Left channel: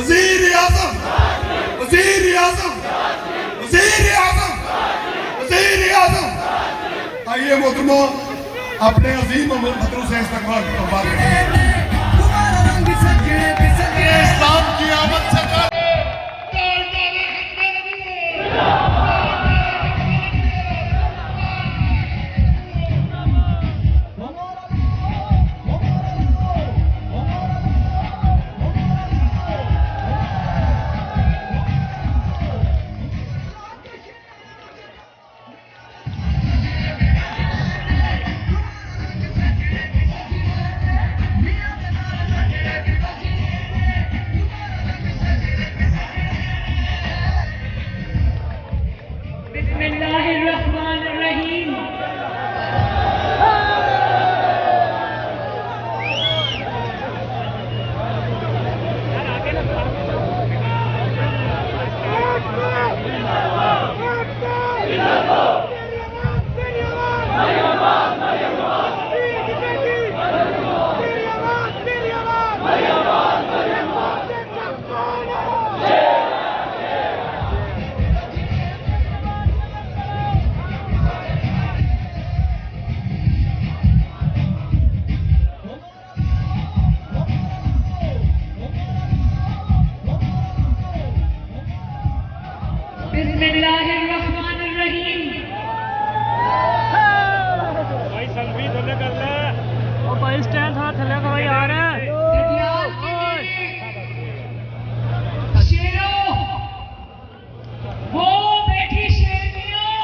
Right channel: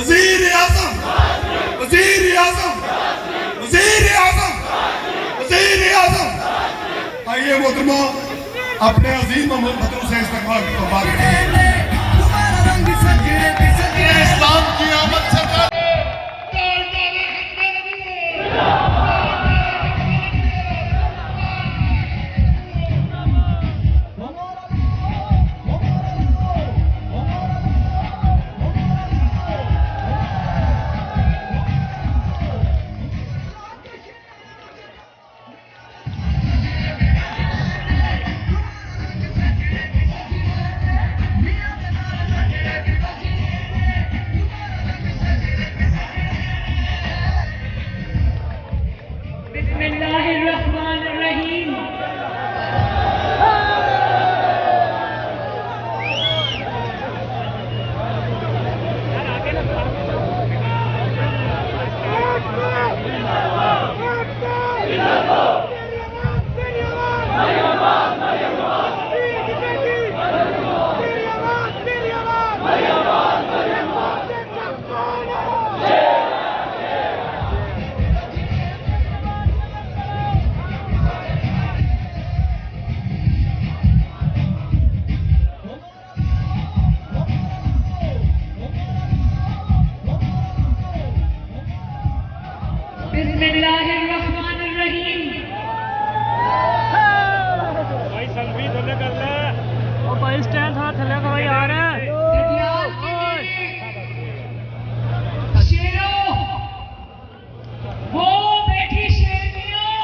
वजीर आजम, वजीर आजम, वजीर आजम, वजीर आजम। आइए मोहतरमों, अपने अजीम मोहम्मद से इस्तकबाल इस्लाम की आमद से बिस्मिल्लाहिर्रहमानिर्रहीम। भाई सलवी थले कर ले और भाई स्टैंड थोड़ा थले करो यार। शेरों, वो बैठी शेरनियों,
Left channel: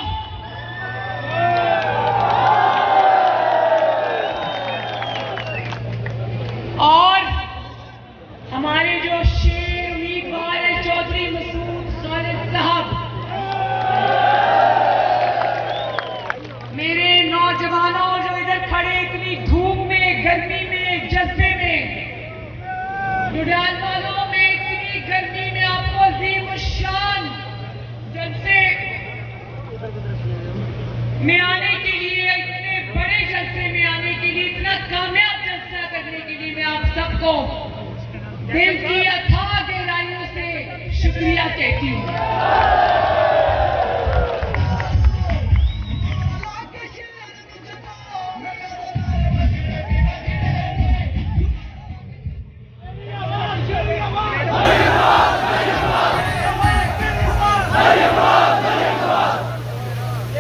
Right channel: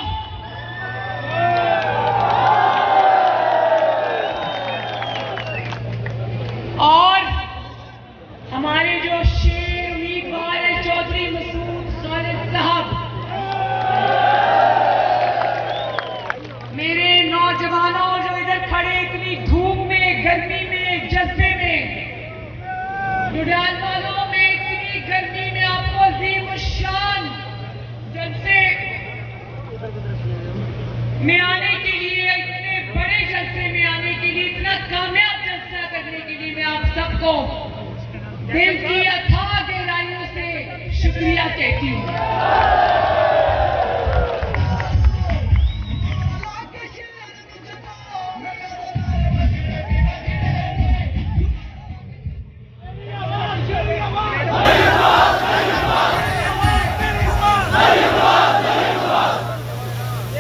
और हमारे जो शेर उम्मीदवार है चौधरी मसूद खालिद साहब, मेरे नौजवानों जो इधर खड़े इतनी धूप में, गर्मी में, जज्बे में, जुड़ाल वालों में इतनी गर्मी में आपको अजीम शान जलसे में आने के लिए, इतने बड़े जलसे में आने के लिए, इतना कामयाब जलसा करने के लिए मैं आप सबको दिल की अथाह गहराइयों से शुक्रिया कहती हूँ।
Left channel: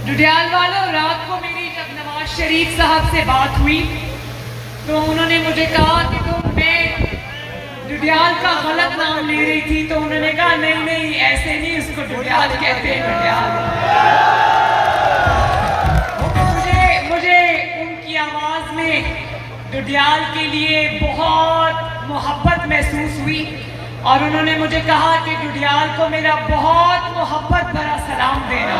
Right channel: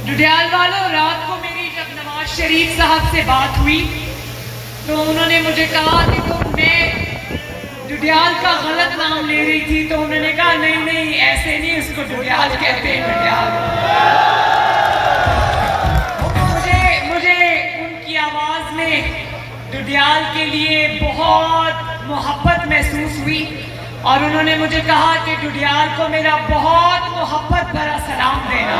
जुड़ाल वालों, रात को मेरी जब नवाज शरीफ साहब से बात हुई तो उन्होंने मुझे कहा कि तो मैं जुड़ाल का गलत नाम ले रही थी, तो उन्होंने कहा नहीं नहीं ऐसे नहीं, उसको जुड़ाल कहते हैं, जुड़ाल। मुझे उनकी आवाज में जुड़ाल के लिए बहुत मोहब्बत महसूस हुई और उन्होंने मुझे कहा कि जुड़ाल को मेरा बहुत मोहब्बत भरा सलाम देना।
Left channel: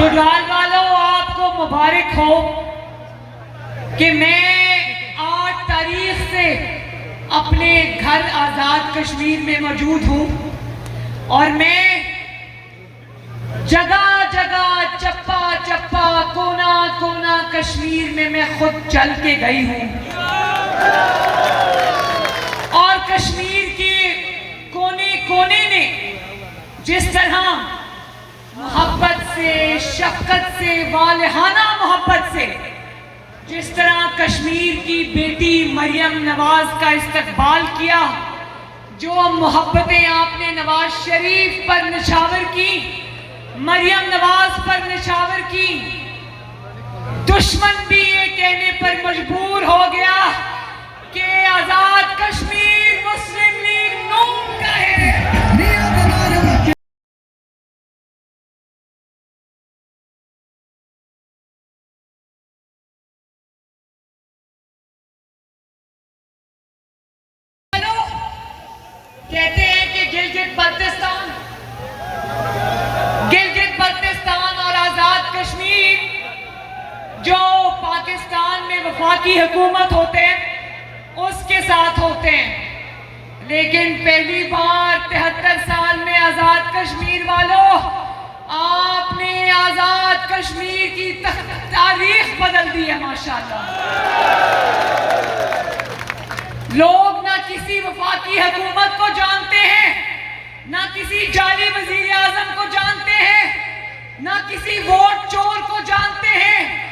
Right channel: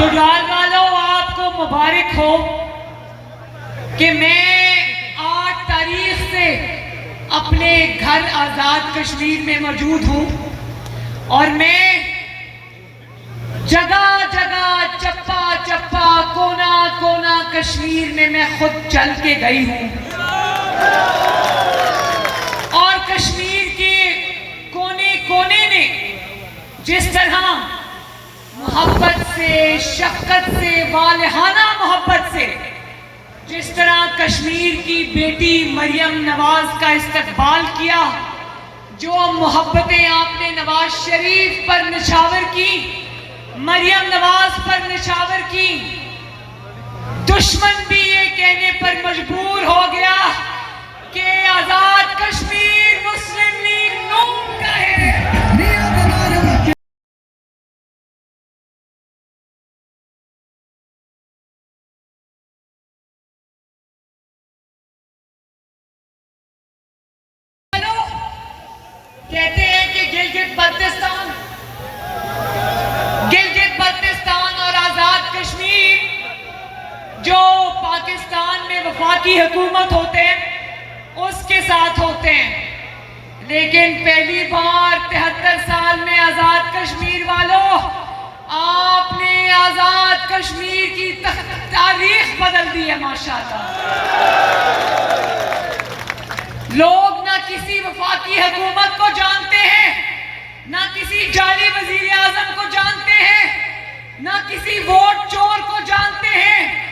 जुड़ाल वालों, आपको मुबारक हो कि मैं 8 तारीख से अपने घर आजाद कश्मीर में मौजूद हूं और मैं जगह जगह, चप्पा चप्पा, कोना कोना कश्मीर में मैं खुद चल के गई हूं और कश्मीर के कोने कोने में जिस तरह मोहब्बत से, शफकत से, वालहाना मोहब्बत से जिस तरह कश्मीर की बेटी मरियम नवाज का इस्तकबाल किया, जो मोहब्बतें आपने नवाज शरीफ पर निछावर की, मरियम नवाज पर निछावर की, दुश्मन भी ये कहने पर मजबूर हो गया कि आजाद कश्मीर मुस्लिम लीग नून का है। कहते हैं कि गिलगित बल्तिस्तान और आजाद कश्मीर जो पाकिस्तान वफाकी हुकूमत होते हैं उसके साथ होते हैं। लेकिन पहली बार 73 साल में आजाद कश्मीर वालों, आपने आजाद कश्मीर की तारीख बदल दी है माशाल्लाह। लोग ना किसी वफाकी हुकूमत को जानते हैं, ना किसी जाली वजीर आजम को जानते हैं, ना किसी वोट चोर को जानते हैं।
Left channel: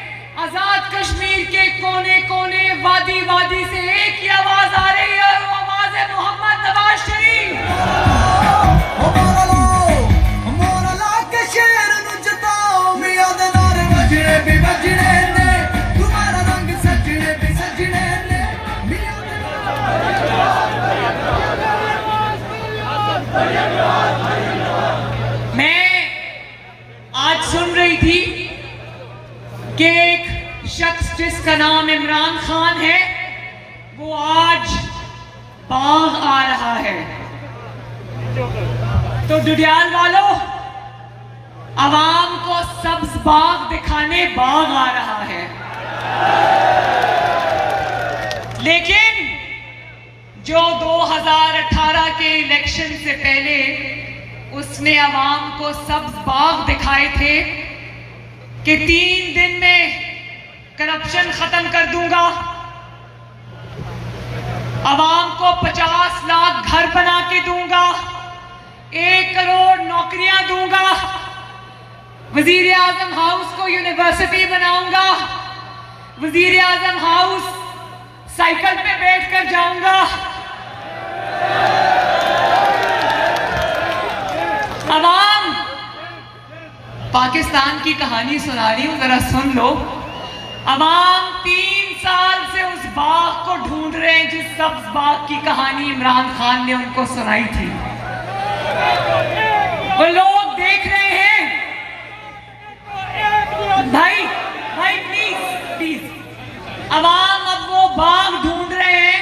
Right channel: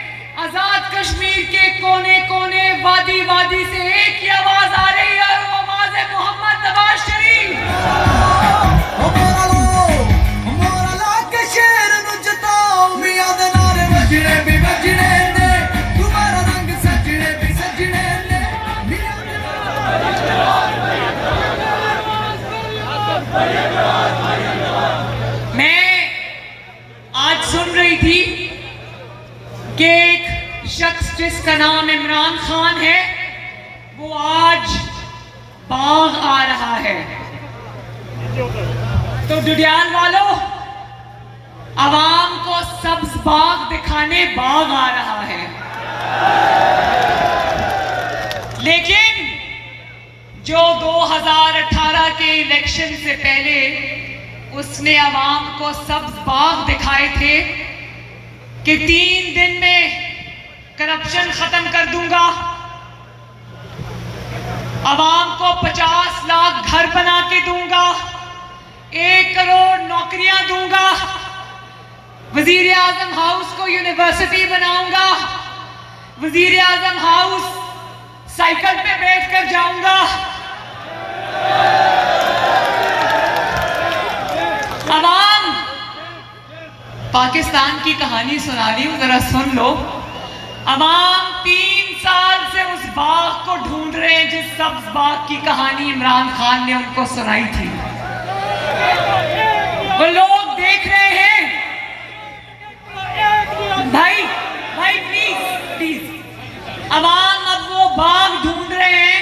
आजाद कश्मीर के कोने कोने, वादी वादी से एक ही आवाज आ रही है और वो आवाज है मोहम्मद नवाज शरीफ। मैं आज सुन रही थी कि एक शख्स जिसका नाम इमरान खान है वो आज बाग आ रहा है। तो डुडियाल वालों, आवाम को सब्ज बाग दिखाने बाग आ रहा है। लेकिन जो 2018 के इलेक्शन से पहले उसने आवाम को सब्ज बाग दिखाए थे कि 3 दिन में करप्शन खत्म कर दूंगा, आवाम को 50 लाख घर बना के दूंगा, 1 करोड़ नौकरियां दूंगा, वजीर आजम हाउस को यूनिवर्सिटी बनाऊंगा, वजीर आजम हाउस साइकिल पे बैठकर जाऊंगा। आवाम, पाकिस्तान की कहानी सुना रही हूं, जरा सुन लो। आवाम 3 साल से उस बाग को ढूंढ रहे हैं जिस सब्ज बाग की कहानी इमरान खान ने उनको सुनाई थी। वो लोग देख रहे हैं। भाई भाई प्लीज प्लीज, आवाम अब वो बाग ढूंढ रहे हैं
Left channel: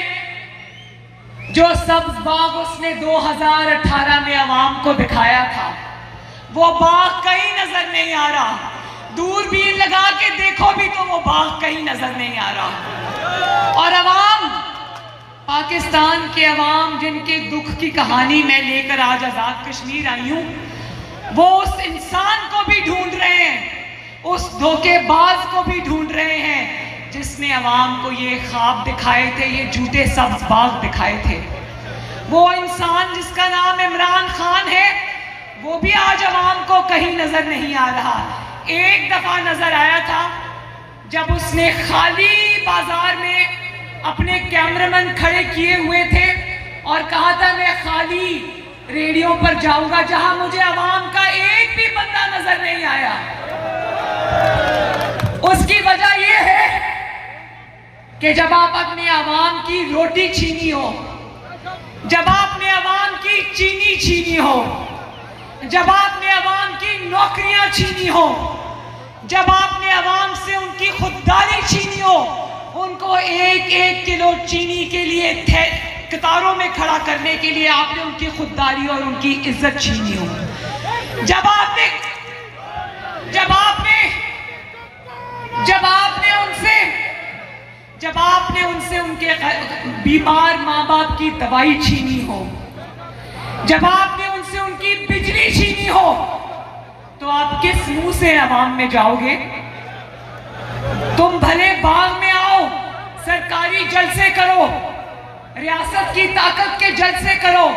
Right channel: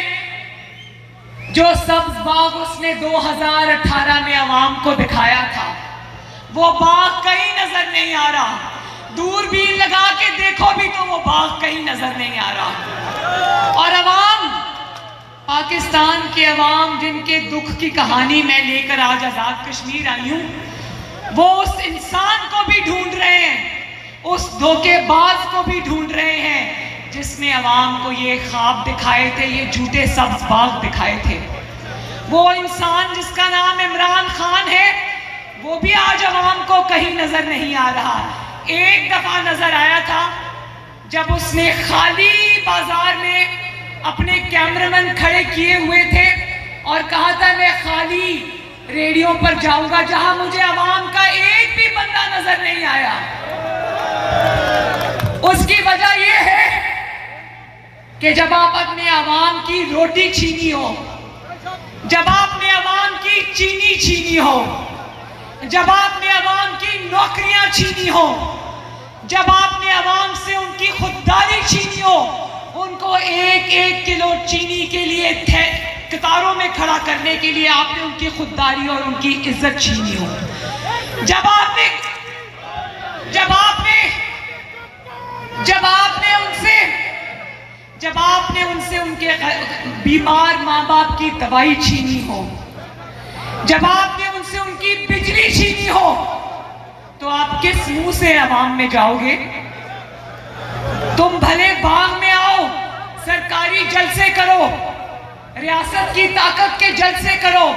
जो सब्ज बाग उसने 2018 में आवाम को दिखाया था। वो बाग कहीं नजर नहीं आ रहा, दूरबीन लगा के देखो भी तो वो बाग कहीं नजर नहीं आ रहा। और अवाम, पाकिस्तान के अवाम जिनके दुख की कहानी मैं लेकर आज आजाद कश्मीर आई हूं, वो उस इंसान को भी ढूंढ रहे हैं, उस धोखेबाज को भी ढूंढ रहे हैं जिसने अवाम को ये ख्वाब दिखाए थे, ये झूठे सब्ज बाग दिखाए थे। वो इंसान जिसका नाम इमरान खान है, वो भी आज अवाम को कहीं नजर नहीं आ रहा। एक दफा नजर आया था जब उसने खाली बाजार में अपने कैमरामैन खड़े किए हुए थे और कहा था मैं खाली रेडियो पर जाऊंगा जहां मुझे अवाम का एक भी बंदा नजर नहीं आया। उसकी वजह यह है कि जब आप अपने अवाम की रोटी छीनी हो, जब आपने अवाम की चीनी छीनी हो, जब आपने अवाम की नौकरियां छीनी हो, जब आपने अवाम से उनकी खुददारी छीनी हो, उनको 1-1 किलो चीनी के लिए कतारों में खड़ा करने के लिए आपने उनकी खुददारी और उनकी इज्जत छीनी हो, जब आपने उनसे उनके बीमार माँ बाप की दवाई छीनी हो, जब आपने उनसे उनकी बिजली छीनी हो, तो आप किस मुंह से अवाम में जाओगे? तुम भले बाग में आओ, सरकारी जलसे करो, रियासत की ताकत के जलसे करो,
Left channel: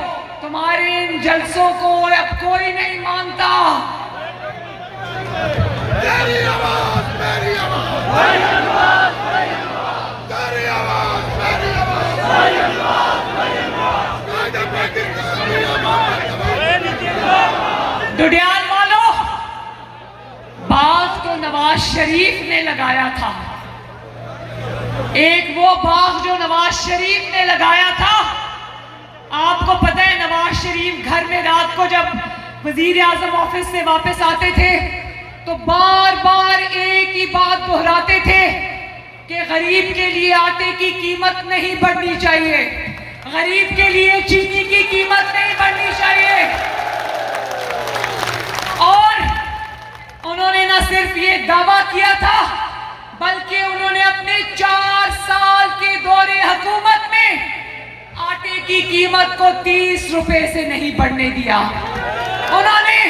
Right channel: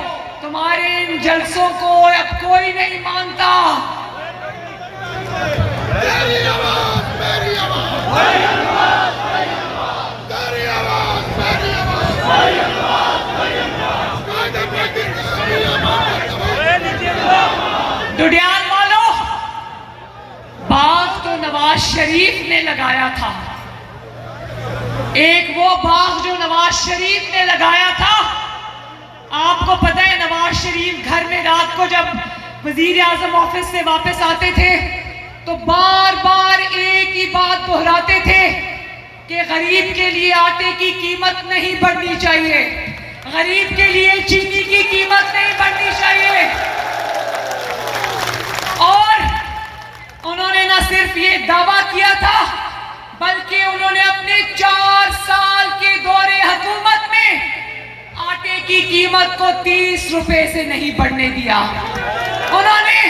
तुम्हारे इन जलसों को अब कोई नहीं मानता। तेरी आवाज, मेरी आवाज, तेरी आवाज, तेरी आवाज, मेरी आवाज, मेरी आवाज, मेरी आवाज। डुडियाल वालों, बाग तो नवाज शरीफ ने लगाया था। एक वो बाग जो नवाज शरीफ ने लगाया था। आपको पता है नवाज शरीफ घर में रात को जब वजीर आजम ऑफिस से वापस आते थे तो बार बार एक ही बात दोहराते थे कि गरीब के लिए आटे की कीमत नहीं बढ़नी चाहिए, गरीब के लिए चीनी की कीमत नहीं बढ़नी चाहिए। और उन्होंने न सिर्फ ये दावा किया था बल्कि उन्होंने अपने 4 साल के दौरे हुकूमत में आटे की कीमत को 30 रुपए से नहीं बढ़ने दिया। उन्होंने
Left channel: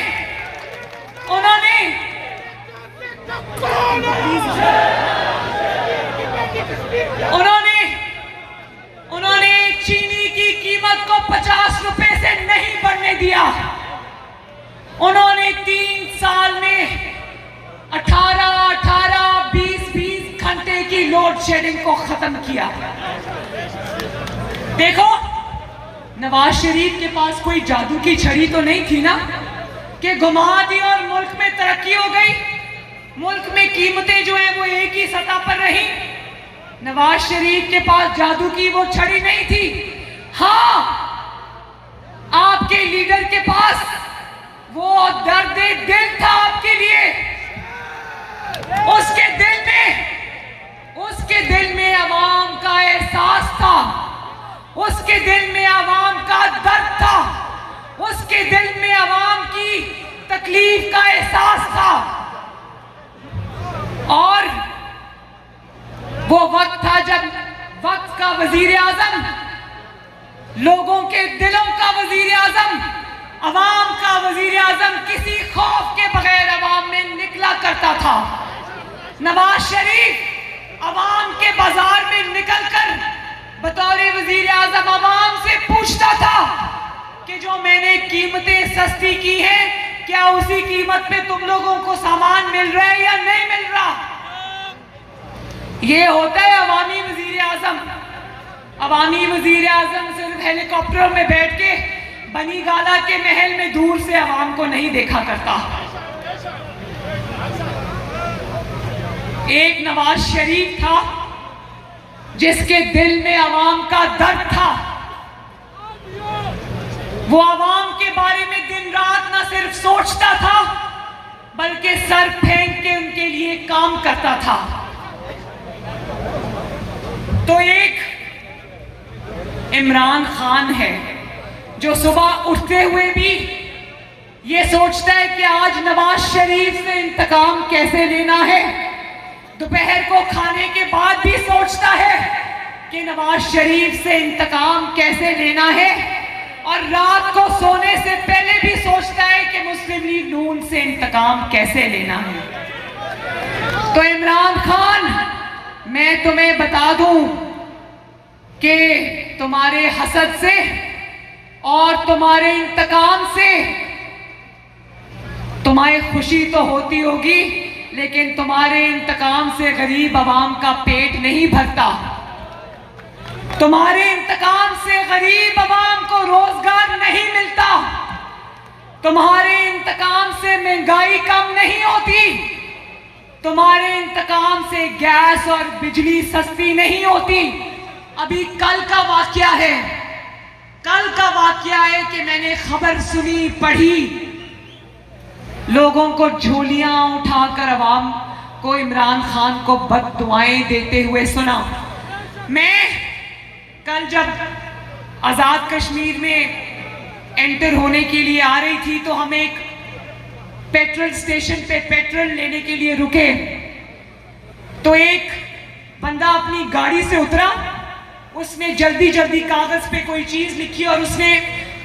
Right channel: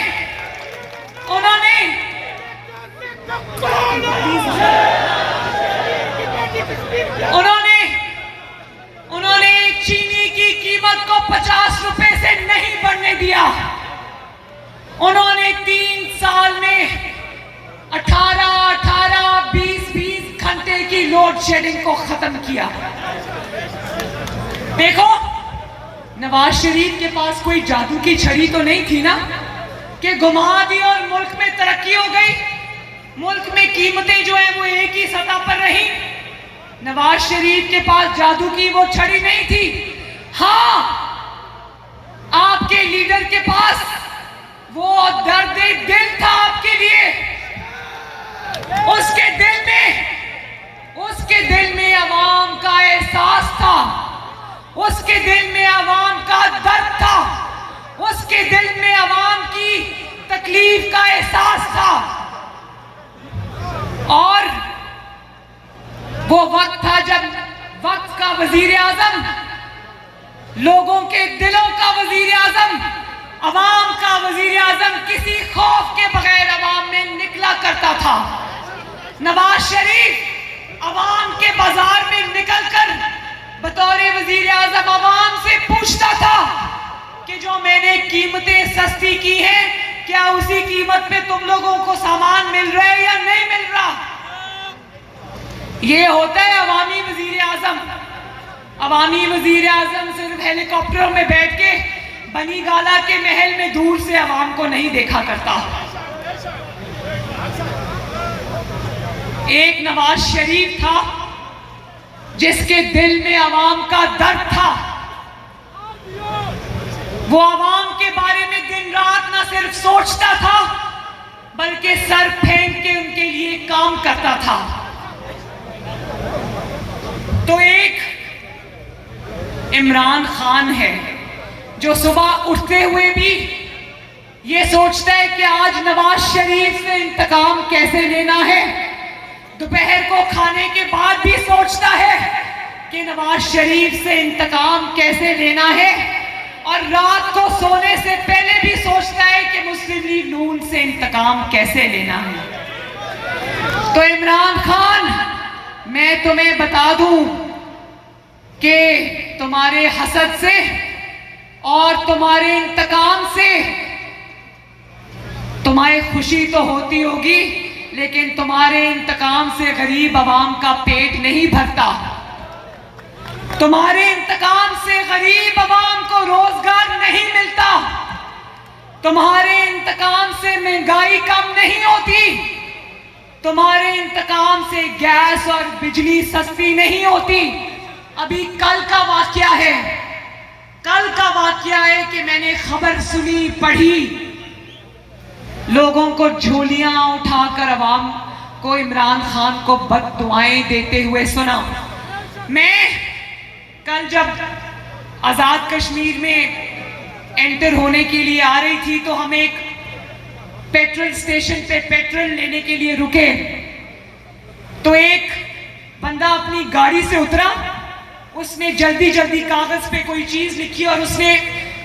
चीनी की कीमत को 50 रुपए से नहीं बढ़ने दिया। उन्होंने 3 साल में 20 घंटे की लोड शेडिंग को खत्म किया। देखो, नवाज शरीफ के पास कोई जादू की छड़ी तो नहीं थी ना कि घुमा दी और मुल्क में तरक्की हो गई। मुल्क में कीमतें जो है वो एक ही सतह पर रही। नवाज शरीफ के पास जादू की वो छड़ी नहीं थी। हाँ, आपके लीडर के पास वो दर्द दिल था आपके लिए। उसके दिल में अवाम का एहसास था, उसके दिल में अवाम का दर्द था, उसके दिल में अवाम की तकलीफ का एहसास था। और वो वक्त था जब वक्त का वजीर आजम, लोगों के दिलों का वजीर आजम, अवाम का वजीर आजम किसी खौफ के बगैर अवाम में निकला करता था। नवाज शरीफ अवाम के बाजार में निकलकर बतौर वजीर आजम अवाम से पूछता था कि जो मैंने कीमतें सस्ती की है, क्या उसी कीमत पे तुम लोगों को सामान मिल रहा है या नहीं मिल रहा। ये होता है अवामी वजीर आजम। अवामी वजीर आजम सिर्फ हेलीकॉप्टर में बैठ के बनी गाला के महल में दूर से अवाम को नहीं देखा करता। एक नवाज शरीफ था जिसके दिल में अवाम का दर्द था। वो अवाम के बारे में दिन रात न सिर्फ सोचता था बल्कि सर फेंक के उनके लिए काम करता था। तो एक इमरान खान है जो सुबह उठते हुए भी ये सोचता है कि आज नवाज शरीफ से इंतकाम कैसे लेना है। दोपहर को खाने के बाद भी सोचता है कि नवाज शरीफ से इंतकाम कैसे लेना है। और रात को सोने से पहले भी सोचता है कि मुस्लिम लीग नून से इंतकाम कैसे लेना है। तो इमरान खान, मैं तुम्हें बता दूं कि तुम्हारे हसद से और तुम्हारे इंतकाम से तुम्हें खुशी तो होती होगी, लेकिन तुम्हारे इंतकाम से गरीब आवाम का पेट नहीं भरता। तुम्हारे इंतकाम से गरीब आवाम को रोजगार नहीं मिलता। तुम्हारे इंतकाम से महंगाई कम नहीं होती। तुम्हारे इंतकाम से गैस और बिजली सस्ती नहीं होती। अभी कल का वाकया है कि मैंने खबर सुनी, पढ़ी, लोगों को झोलियां उठाकर अवाम को इमरान खान को बद्दुआएं देते हुए सुना। मैं कल जब आजाद कश्मीर में एंटर होने के लिए आ रही थी तो हम एक पेट्रोल स्टेशन पे पेट्रोल लेने के लिए रुके। तो एक बंदा अपनी गाड़ी से उतरा, उसने जल्दी जल्दी कागज पे कोई चीज लिखी और उसने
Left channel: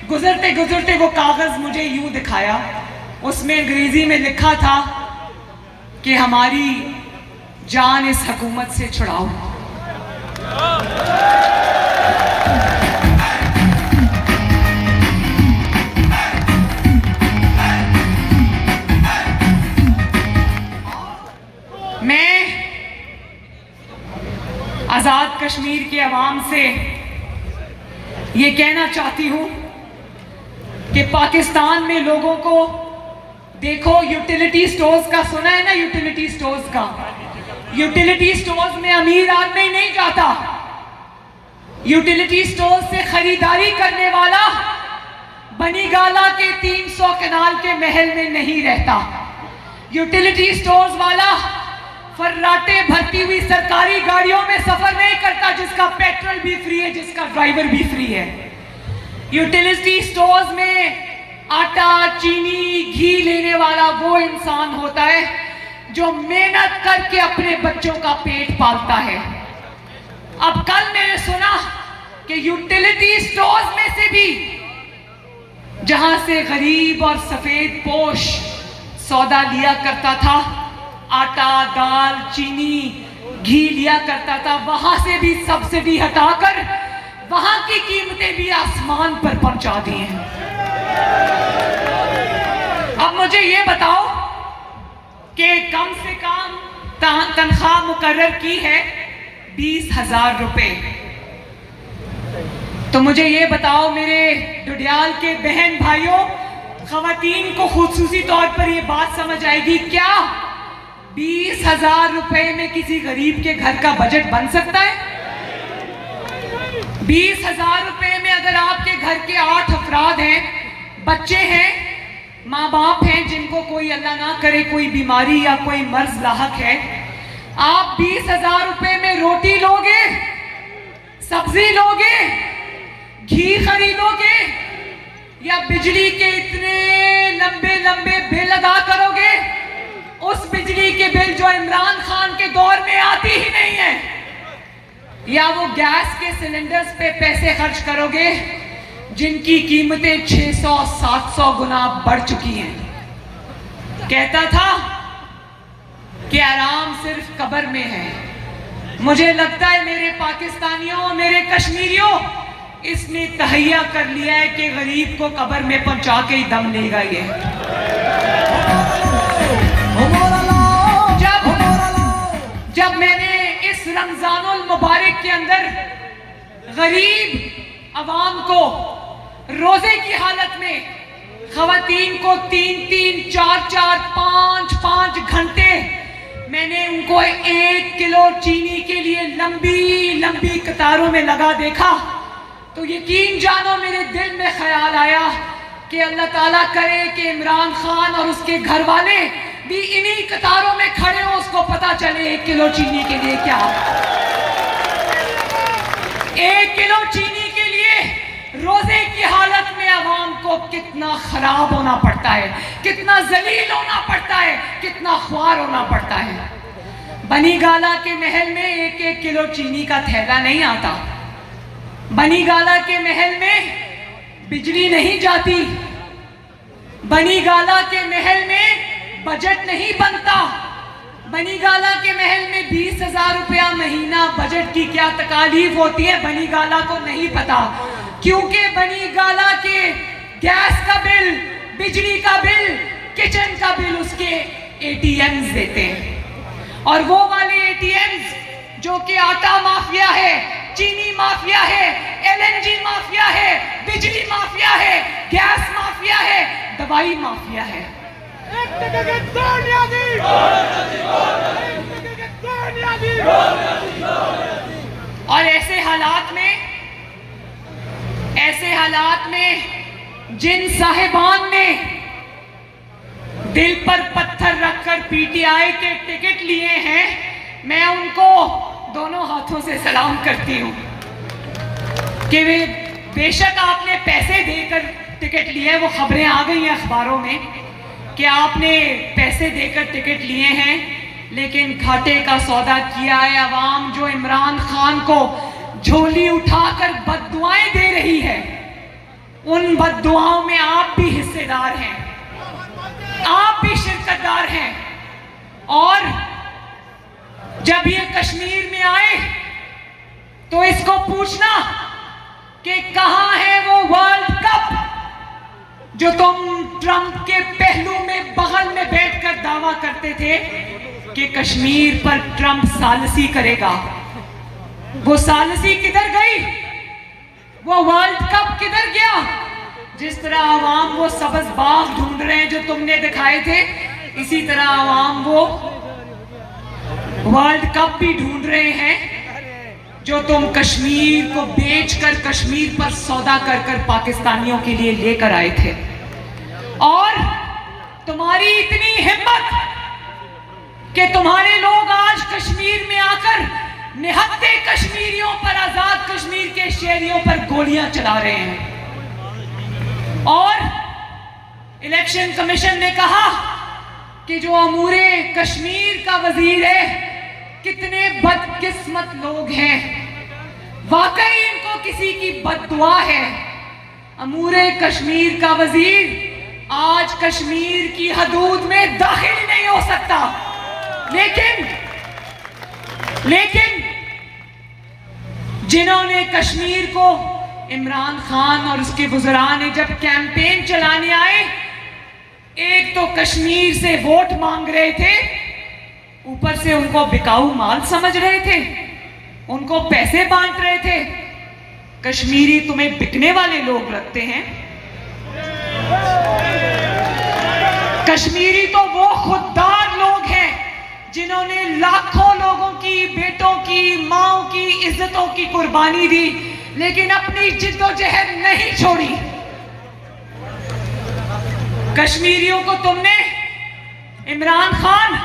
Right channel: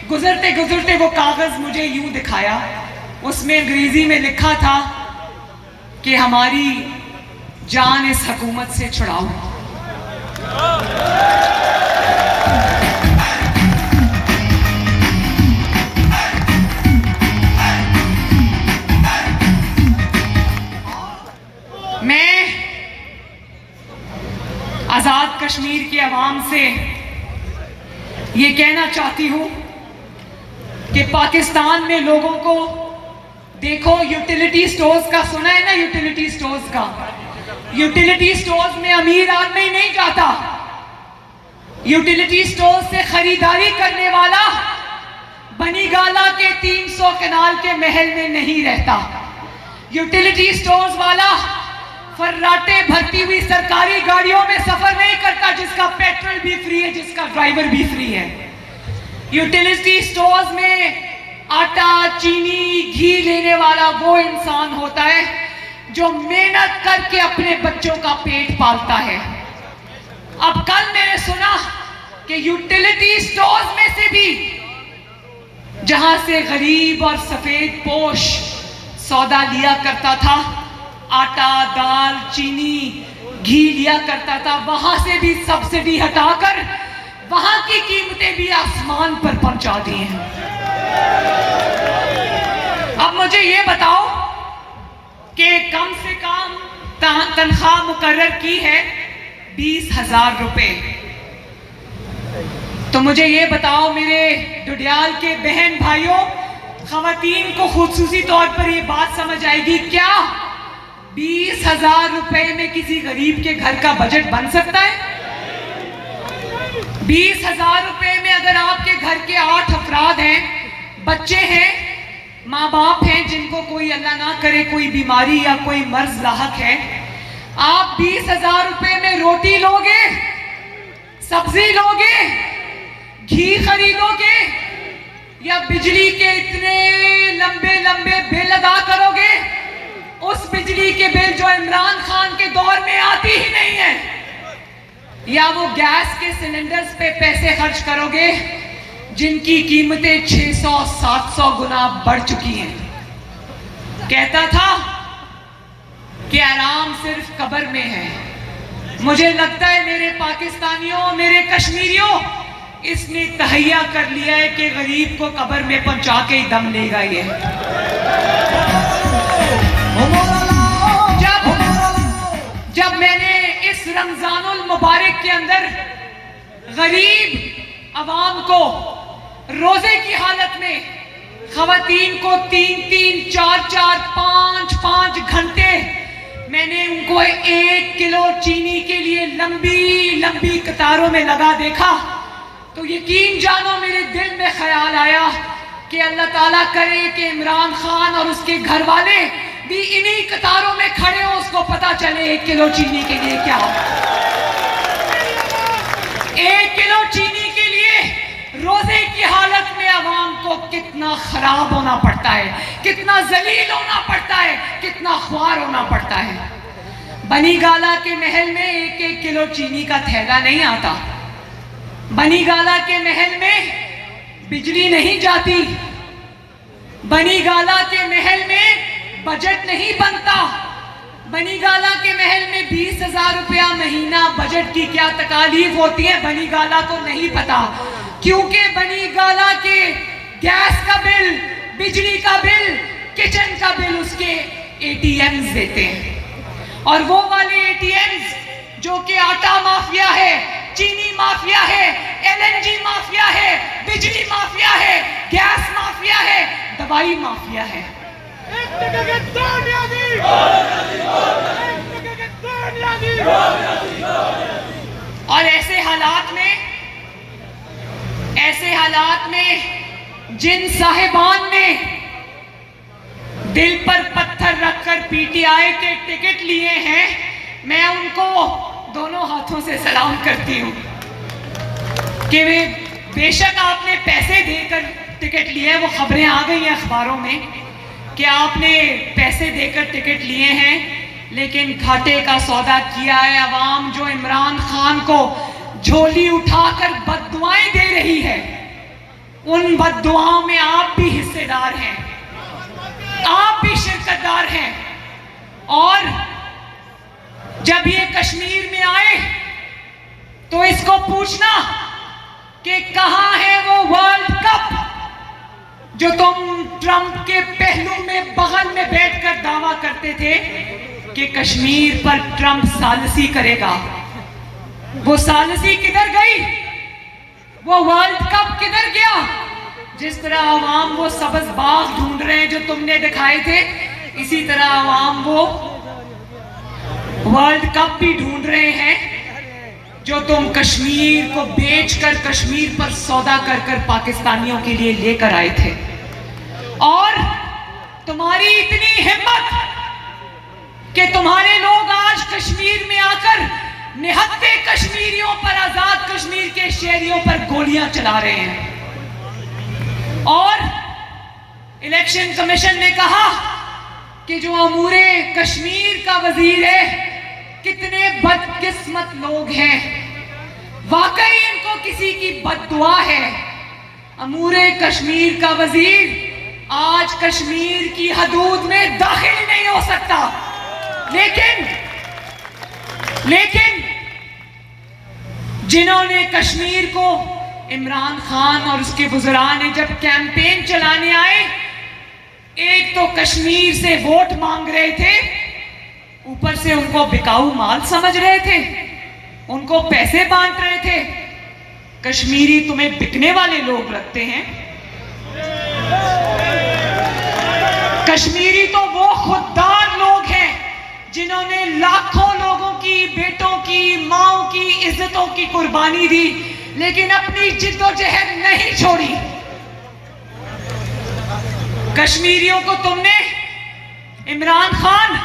गुजरते गुजरते वो कागज मुझे यूं दिखाया। उसमें अंग्रेजी में लिखा था कि हमारी जान इस हुकूमत से छुड़ाओ। मैं आजाद कश्मीर के अवाम से ये कहना चाहती हूं कि पाकिस्तान में लोगों को देखो, यूटिलिटी स्टोर्स का सुना है ना, यूटिलिटी स्टोर्स का। यूटिलिटी स्टोर्स में अमीर आदमी नहीं जाता। यूटिलिटी स्टोर्स से खरीदारी करने वाला बनी गाला के 300 कनाल के महल में नहीं रहता। यूटिलिटी स्टोर्स वाला फर्राटे भरती हुई सरकारी गाड़ियों में सफर नहीं करता जिसका पेट्रोल भी फ्री है, जिसका ड्राइवर भी फ्री है। यूटिलिटी स्टोर्स में आटा, चीनी, घी लेने वाला वो इंसान होता है जो मेहनत करके अपने बच्चों का पेट पालता है। अब कल मैंने सुना कि यूटिलिटी स्टोर्स में से भी, जहां से गरीब और सफेद पोश सौदा लिया करता था, आटा, दाल, चीनी, घी लिया करता था, वहां से भी सब्सिडी हटाकर वहां की कीमतें भी आसमान पर पहुंचा दी हैं। अब मुझे ये बताओ कि कम से कम तनख्वाह मुकर्रर की है 20,000 रुपए। तो मुझे ये बताओ मेरे डुडियाल के बहन भाइयों, खवातीन को खुसूसी तौर पर ये बात समझ आएगी क्या 20,000 रुपए में किसी गरीब के घर का बजट बन सकता है? 20,000 रुपए में अगर आपके घर के 8 अफराद हैं, बच्चे हैं, माँ बाप हैं जिनको कोई अल्लाह ना करे कोई बीमारी या कोई मर्ज लाहक है, आप 20,000 रुपए में रोटी लोगे, सब्जी लोगे, घी खरीदोगे, या बिजली के इतने लंबे लंबे बिल अदा करोगे? उस बिजली के बिल जो इमरान खान के दौर में आती ही नहीं है, या वो गैस के सिलेंडर्स पे पैसे खर्च करोगे जिनकी कीमतें 600-700 गुना बढ़ चुकी हैं। कहता था कि आराम सिर्फ कब्र में है। मुझे लगता है मेरे पाकिस्तानियों, मेरे कश्मीरियों, इसने तहैया कर लिया है कि गरीब को कब्र में पहुंचा के ही दम लेगा ये। जब मैंने इस रमजानुल मुबारक के अंदर गरीब अवाम को रोजे की हालत में, खवातीन को 3-3, 4-4, 5-5 घंटे मैंने उनको 1 किलो चीनी के लिए लंबी लंबी कतारों में लगा देखा, तो यकीन जानो मेरे दिल में ख्याल आया कि अल्लाह ताला करे कि इमरान खान और उसके घर वाले भी इन्हीं कतारों में खड़े हो, उसको पता चले 1 किलो चीनी के लिए क्या। 1 किलो चीनी के लिए रोजे की हालत में आवाम को कितना खराब होना पड़ता है, कितना जलील होना पड़ता है, कितना ख्वार होना पड़ता है। बनी गाला के महल में 1-1 किलो चीनी का थैला नहीं आता। बनी गाला के महल में बिजली नहीं जाती। बनी गाला के महल में बजट नहीं बनता। बनी गाला के महल में 20,000 रुपया महीना बजट की क्या तकालीफ होती है बनी गाला को नहीं पता, क्योंकि बनी गाला के गैस का बिल, बिजली का बिल, किचन का बिल उसके ATMs देते हैं। और वो वाले ATMs जो कि आटा माफिया है, चीनी माफिया है, LNG माफिया है, बिजली माफिया है, गैस माफिया है, दवाई माफिया है। और ऐसे हालात में जिन साहिबान ने दिल पर पत्थर रखकर PTI के टिकट लिए हैं, मैं उनको दोनों हाथों से सलाम करती हूँ कि वे बेशक आपने पैसे देकर टिकट लिए, वो खबरें आ गई हैं अखबारों में कि आपने पैसे देकर टिकट लिए हैं, लेकिन घाटे का सौदा किया है। अवाम जो इमरान खान को झोली उठाकर बद्दुआएं दे रही है, उन बद्दुआओं में आप भी हिस्सेदार हैं, आप भी शिरकतदार हैं। और जब ये कश्मीर में आए तो इसको पूछना कि कहां है वो वर्ल्ड कप जो तुम ट्रंप के पहलू में बगल में बैठकर दावा करते थे कि कश्मीर पर ट्रंप सालिसी करेगा। वो सालिसी किधर गई? वो वर्ल्ड कप किधर गया? जिस तरह आवाम वो सब्ज बाग ढूंढ रहे हैं जो तुमने दिखाए थे, इसी तरह आवाम वो वर्ल्ड कप भी ढूंढ रहे हैं जो तुम कश्मीर को बेचकर कश्मीर पर सौदा कर कर पाकिस्तानियों के लिए लेकर आए थे। और तुम्हारी इतनी हिम्मत कि तुम्हारे लोग आज कश्मीर में आकर निहत्थे कश्मीरियों पर, आजाद कश्मीर के शहरियों पर गोलियां चला रहे हैं। और इलेक्शन कमीशन ने कहा कि जो अमूरे कश्मीर का वजीर है, कितने बदकिस्मत लोग हैं। वाकई इनको किसी की बद्दुआ है। अमूरे कश्मीर का वजीर आज कश्मीर की हदूद में दाखिल नहीं हो सकता, लेकिन जिन्होंने कश्मीर को, इमरान खान और उसके वज़रा ने जब कैंपेन चलाने आए, एक तो कश्मीर से वोट मांग रहे थे, ऊपर से उनको बिकाऊ माल समझ रहे थे, उनको पैसे बांट रहे थे। कश्मीरी तुम्हें बिकने वाले लोग लगते हैं। कश्मीरी तो वो खुददार लोग हैं जिन्होंने लाखों लोगों की, बेटों की, माओं की, इज्जतों की कुर्बानी दी, लेकिन अपनी जिद्दोजहद नहीं छोड़ी। कश्मीरियों को तुमने, इमरान खान,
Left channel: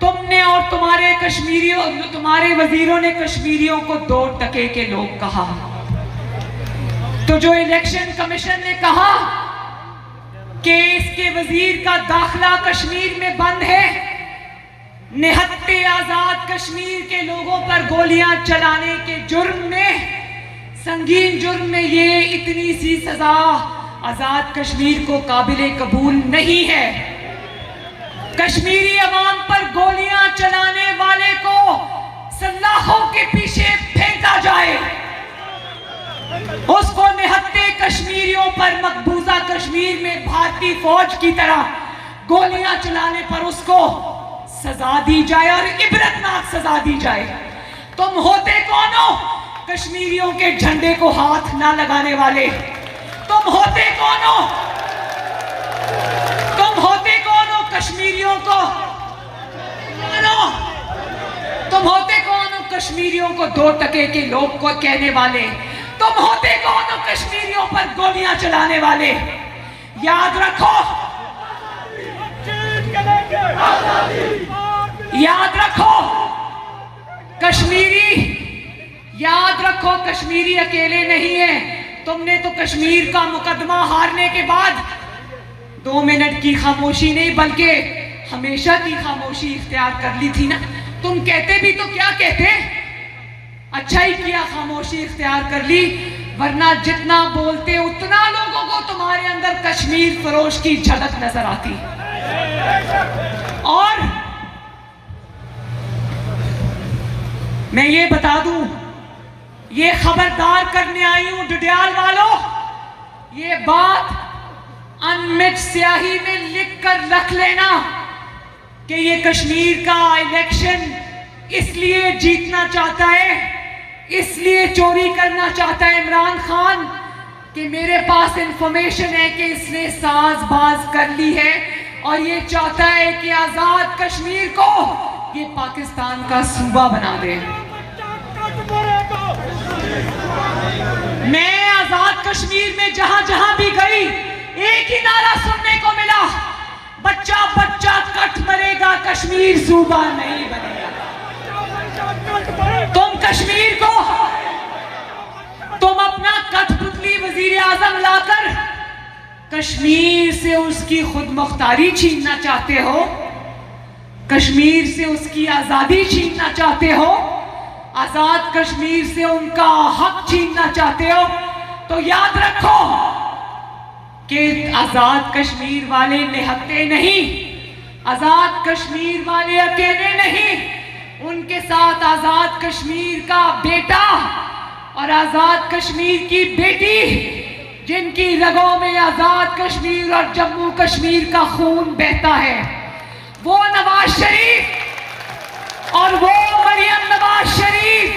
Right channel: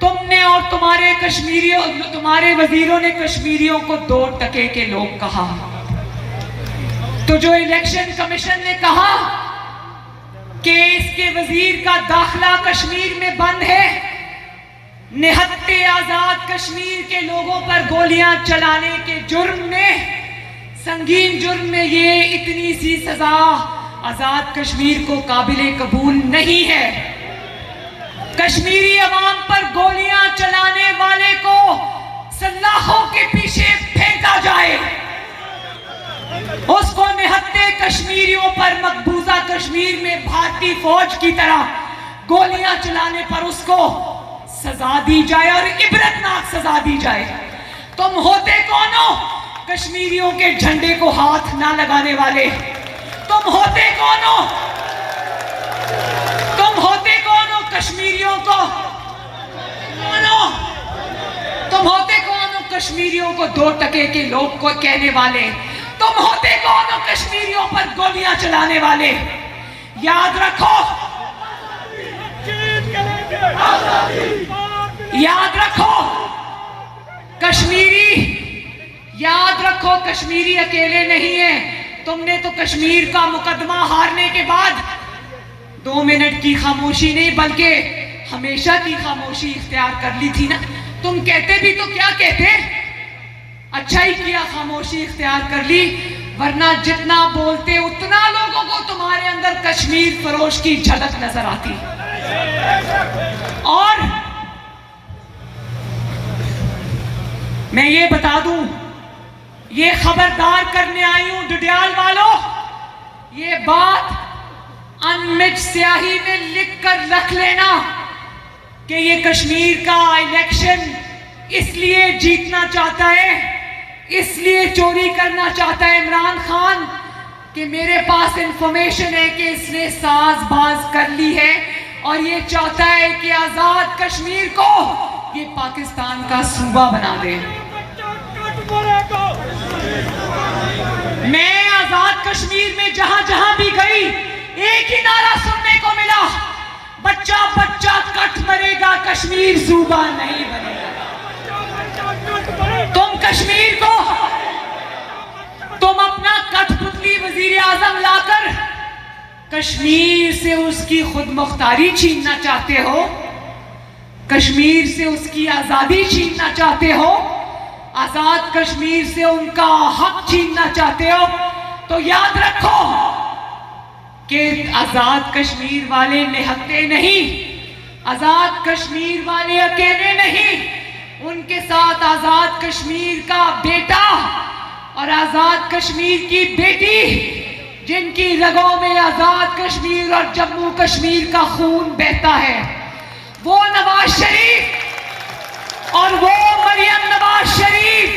तुमने और तुम्हारे वजीरों ने कश्मीरियों को 2 टके के लोग कहा। तो जो इलेक्शन कमीशन ने कहा कि इसके वजीर का दाखिला कश्मीर में बंद है, निहत्ते आजाद कश्मीर के लोगों पर गोलियां चलाने के जुर्म में, संगीन जुर्म में, ये इतनी सी सजा आजाद कश्मीर को काबिले कबूल नहीं है। कश्मीरी अवाम पर गोलियां चलाने वाले को सलाखों के पीछे फेंका जाए, उसको निहत्ते कश्मीरियों पर मकबूजा कश्मीर में भारतीय फौज की तरह गोलियां चलाने पर उसको सजा दी जाए और इबरतनाक सजा दी जाए। तुम होते कौन हो कश्मीरियों के झंडे को हाथ ना लगाने वाले? तुम होते कौन हो? तुम होते कौन हो कश्मीरियों को? तुम होते कौन हो कश्मीरियों को 2 टके के लोग को कहने वाले? तुम होते कौन हो कश्मीरियों पर गोलियां चलाने वाले? याद रखो, याद रखो कश्मीरी, याद रखो कश्मीरी अकेले नहीं है। तुमने तो कश्मीर का मुकदमा हारने के बाद 2 मिनट की खामोशी नहीं बल्कि हमेशा की खामोशी इख्तियार कर ली थी ना। तुम कहते भी तो क्या कहते, अच्छा ही किया खामोशी इख्तियार कर ली, वरना जितना बोलते उतना लोगों को तुम्हारे अंदर कश्मीर फरोश की झलक नजर आती। और मैं ये बता दूं, ये खबरदार करने आई हूं डडियाल वालों, ये बात अनमिट स्याही में लिख कर रख लेना कि ये कश्मीर का इलेक्शन इसलिए जीतना चाहता है, इसलिए चोरी करना चाहता है इमरान खान कि मेरे पास इंफॉर्मेशन है कि इसने साजबाज कर ली है और ये चाहता है कि आजाद कश्मीर को ये पाकिस्तान का सूबा बना दे। मैं आजाद कश्मीर में जहां जहां भी गई, एक ही नारा सुनने को मिला, बच्चा बच्चा कट मरेगा, कश्मीर सूबा नहीं बनेगा। तुम कश्मीर को, तुम अपना कठपुतली वजीर आजम लाकर कश्मीर से उसकी खुद मुख्तारी छीनना चाहते हो, कश्मीर से उसकी आजादी छीनना चाहते हो, आजाद कश्मीर से उनका हक छीनना चाहते हो, तो याद रखो कि आजाद कश्मीर वाले निहत्ते नहीं, आजाद कश्मीर वाले अकेले नहीं, उनके साथ आजाद कश्मीर का बेटा और आजाद कश्मीर की बेटी, जिनकी रगों में आजाद कश्मीर और जम्मू कश्मीर का खून बहता है, वो नवाज शरीफ और वो मरियम नवाज शरीफ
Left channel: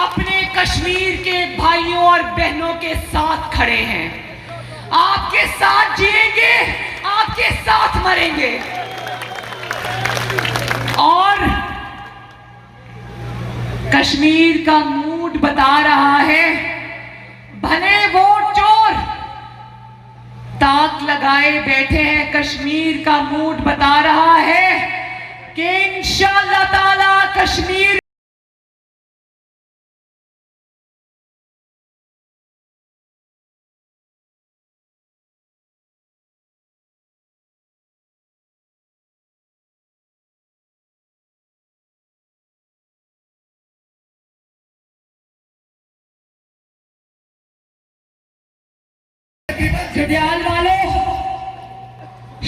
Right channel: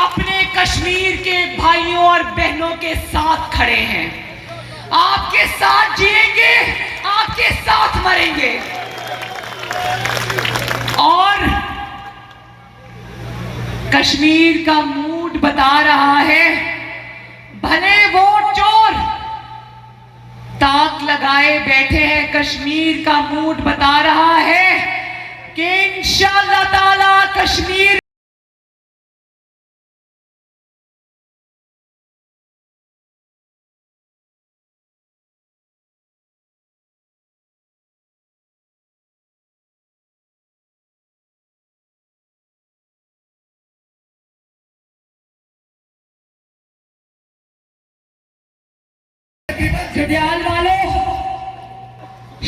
अपने कश्मीर के भाइयों और बहनों के साथ खड़े हैं। आपके साथ जिएंगे, आपके साथ मरेंगे। और कश्मीर का मूड बता रहा है, भले वोट चोर ताक लगाए बैठे हैं, कश्मीर का मूड बता रहा है कि इंशाअल्लाह ताला कश्मीर घड़ियाल वालों,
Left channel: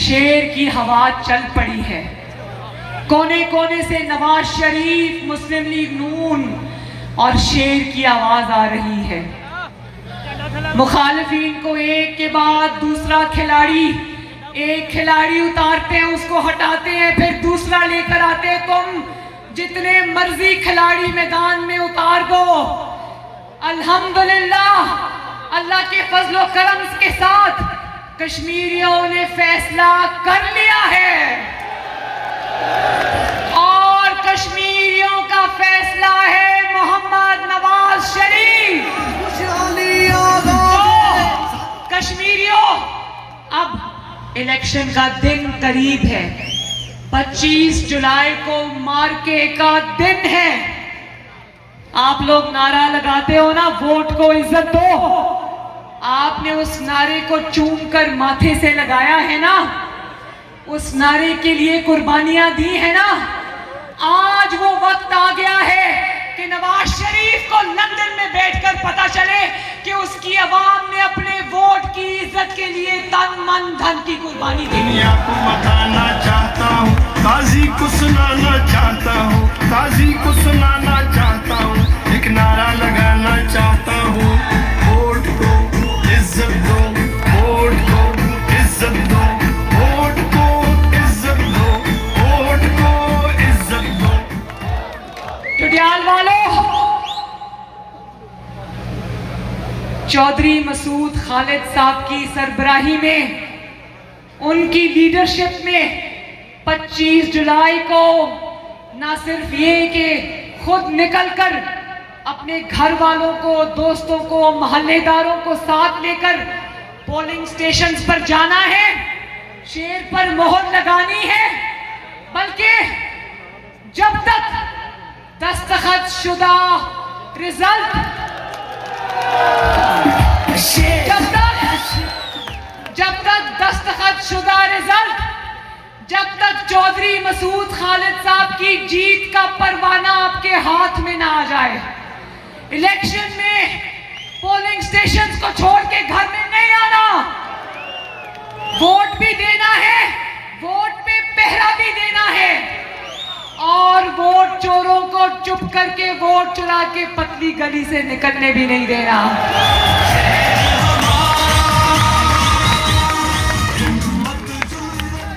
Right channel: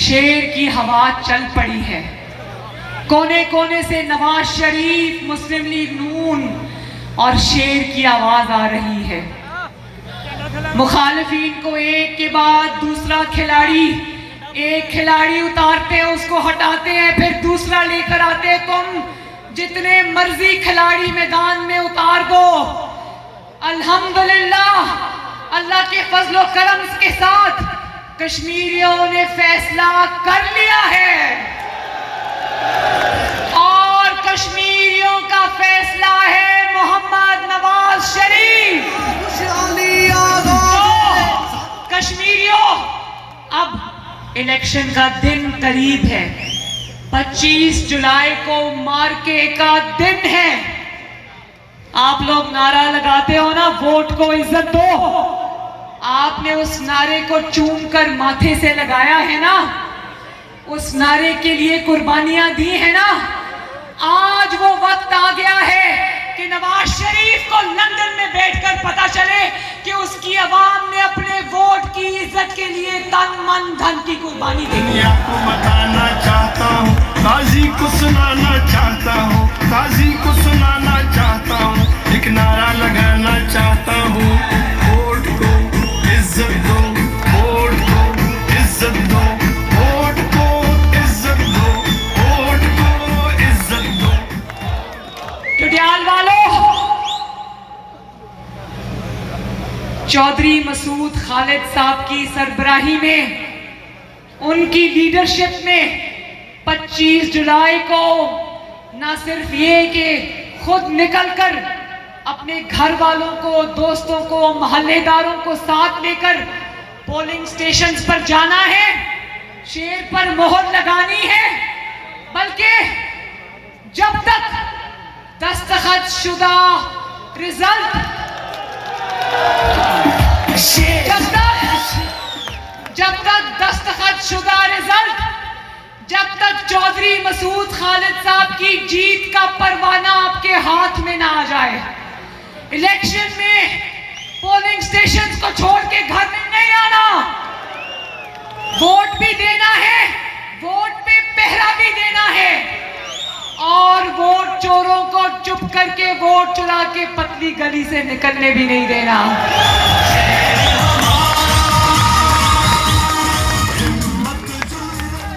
शेर की हवा चल पड़ी है। कोने कोने से नवाज शरीफ, मुस्लिम लीग नून और शेर की आवाज आ रही है। मुखालिफिन को एक के बाद दूसरा खिलाड़ी, एक खिलाड़ी उतारते हैं, उसको हटाते हैं, फिर दूसरा लेकर आते हैं। तुम जितने मर्जी खिलाड़ी मैदान में उतार दो, अल्हम्दुलिल्लाह अल्लाह के फजलो करम के साथ कश्मीरियों ने फैसला कर लिया है और कश्मीरियों का फैसला है मोहम्मद नवाज शरीफ। तो कश्मीरियों, अब इलेक्शन का दिन करीब है। 25 जुलाई को मार्के का दिन है। आप लोग नारा लगाते हो ना, वोट को इज्जत दो। आपने उस नारे को चूम कर माथे से लगाया है ना, उस नारे के लिए कुर्बानियां दी है ना। आज वो वक्त आ गया है कि नवाज शरीफ को लंदन में बैठकर पता चले कि उसकी आवाम ने अपने वोट की इज्जत के लिए तन मन धन की कुर्बानी दी है। बताना चाहता हूँ, काजी को सुनाना चाहता हूँ, काजी को सुनाना चाहता हूँ, एक नारा लगाना चाहता हूँ, वोट को इज्जत दो, वोट को इज्जत दो, वोट को इज्जत दो, वोट को इज्जत दो। घड़ियाल वालों, चौधरी मसूद खालिद साहब की सरबराही में, उनकी लीडरशिप में 25 जुलाई को ना सिर्फ ये कि खुद निकलकर अपने घर वालों को, दोस्तों को, मोहल्लेदारों को साथ लेकर पोलिंग स्टेशंस पर जाना है, शेर पर मोहर लगानी है, बल्कि जब तक दस्तखत शुदा रिजल्ट, जब तक दस्तखत शुदा रिजल्ट, जब तक चौधरी मसूद खालिद साहब की जीत का परवाना आपके हाथ में ना आ जाए, इलेक्शन में पोलिंग स्टेशंस को छोड़ के घर में नहीं आना। वोट भी देना है, वोट पे पहरा भी देना है और वोट चोरों को चुप करके वोट चुरा के पतली गली से निकलने भी नहीं देना।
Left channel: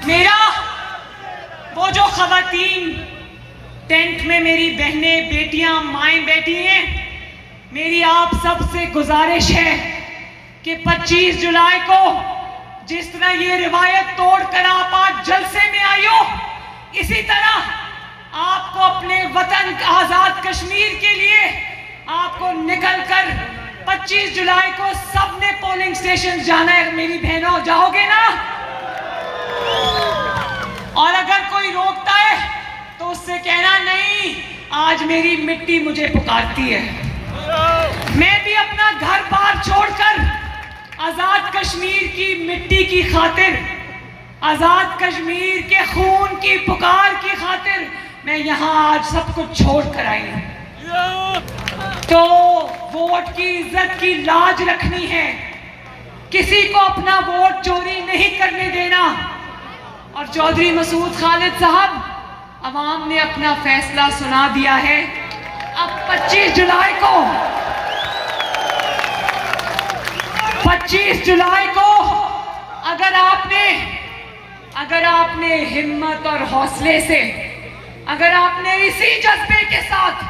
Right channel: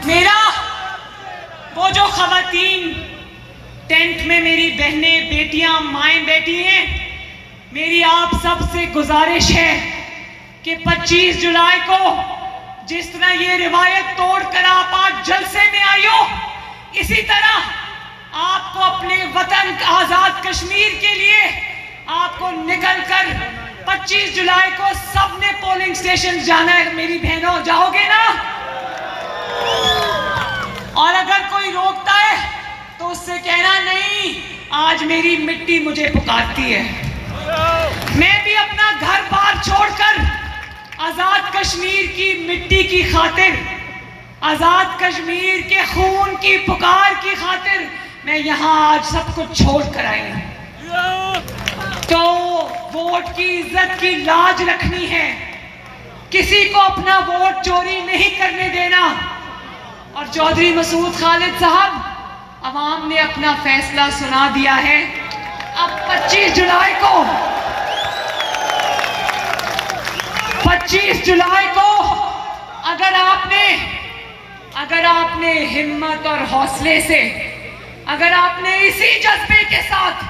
मेरा वो जो खवातीन टेंट में मेरी बहनें, बेटियां, माएं बैठी हैं, मेरी आप सब से गुजारिश है कि 25 जुलाई को जिस तरह ये रिवायत तोड़कर आप आज जलसे में आई हो, इसी तरह आपको अपने वतन आजाद कश्मीर के लिए आपको निकलकर 25 जुलाई को सबने पोलिंग स्टेशन जाना है। मेरी बहनों, जाओगे ना? और अगर कोई रोकता है तो उससे कहना नहीं, आज मेरी मिट्टी मुझे पुकारती है। मैं भी अपना घर बार छोड़कर आजाद कश्मीर की मिट्टी की खातिर, आजाद कश्मीर के खून की पुकार की खातिर मैं यहाँ आज सब कुछ छोड़ कर आई हूँ। तो वोट की इज्जत की लाज रखनी है, किसी को अपना वोट चोरी नहीं करने देना। और चौधरी मसूद खालिद साहब, अवाम ने अपना फैसला सुना दिया है। अब 25 जुलाई को अगर आपने हिम्मत और हौसले से, अगर आपने इसी जज्बे के साथ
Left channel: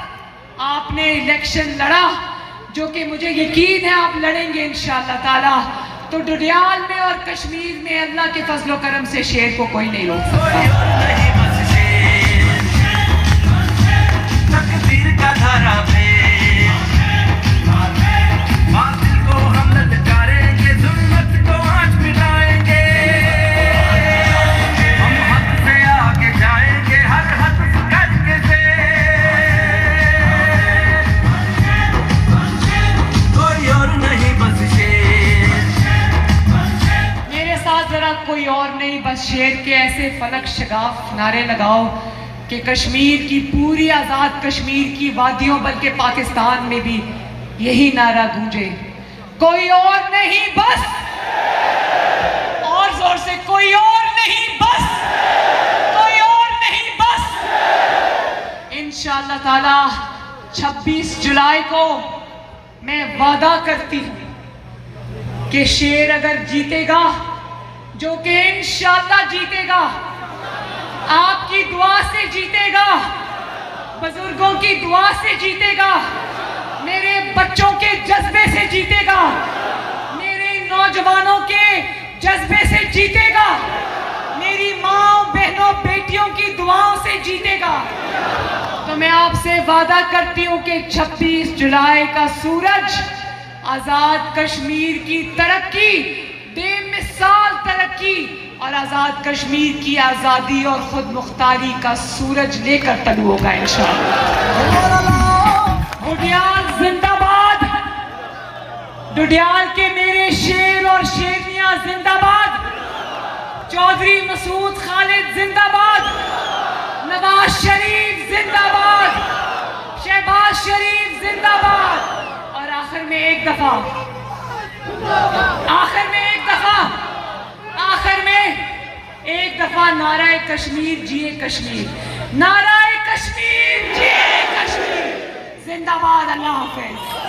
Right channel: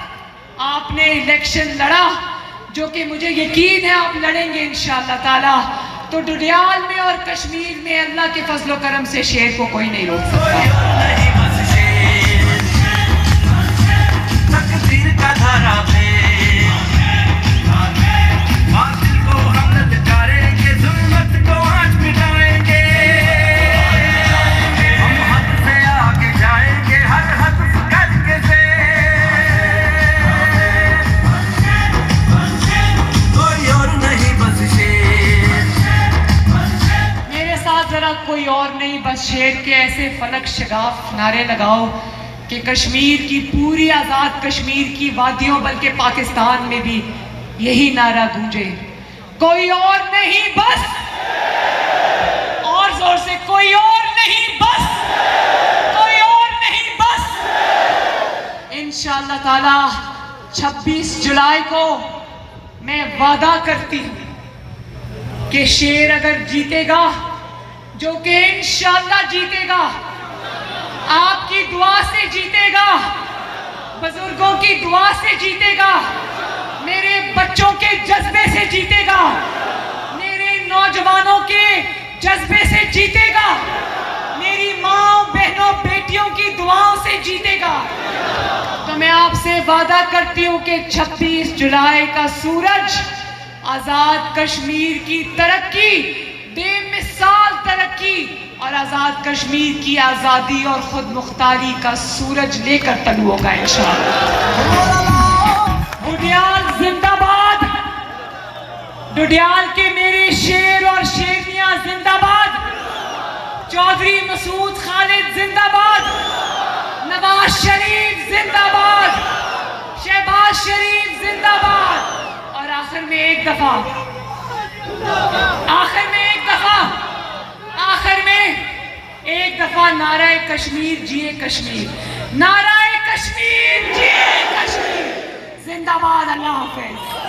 आपने इलेक्शन लड़ा, जो कि मुझे यकीन है आप लड़ेंगे इंशाअल्लाह ताला, तो डुडियाल में और कश्मीर में अल्लाह के फजलो करम से शेर को कोई नहीं रोक सकता। कोई और नहीं, बस शेर के ऐसे फलक शगाफ नारे लगाओ कि कश्मीर की पूरी आजाद कश्मीर की वादियों, बल्कि पाकिस्तान में भी यही नारा गूंजे। कोई और नहीं, बस और जोर से, कोई और नहीं बस, कोई और नहीं बस। इंशाअल्लाह ताला 26 जुलाई को मैं वादा करती हूं कि शेर अगर जीतेगा, जो कि इंशाअल्लाह जीतेगा, आपकी दुआ से जीतेगा, बुजुर्गों की दुआ से जीतेगा, मेरे बच्चों के जज्बे से जीतेगा, मेरे नौजवानों के जज्बे से जीतेगा, मेरी माँ बहनों बेटियों की दुआओं से जीतेगा। तो मैं आपसे वादा करती हूँ कि 26 जुलाई का सूरज आजाद कश्मीर की तरक्की, बेमिसाल तरक्की और आजाद कश्मीर की आजादी और खुद मुख्तारी का सूरज लेकर तलू होगा इंशाअल्लाह। डुडियाल जिंदाबाद, डुडियाल के मेरे शेर और शेरनियां जिंदाबाद, चौधरी मसूद खालिद जिंदाबाद, नवाज शरीफ जिंदाबाद, शहबाज शरीफ जिंदाबाद। और आखिर में एक दफा, एक दफा नाराए कश्मीर जिए कश्मीर, नाराए कश्मीर जिए कश्मीर, जिंदाबाद। अल्लाह हाफिज।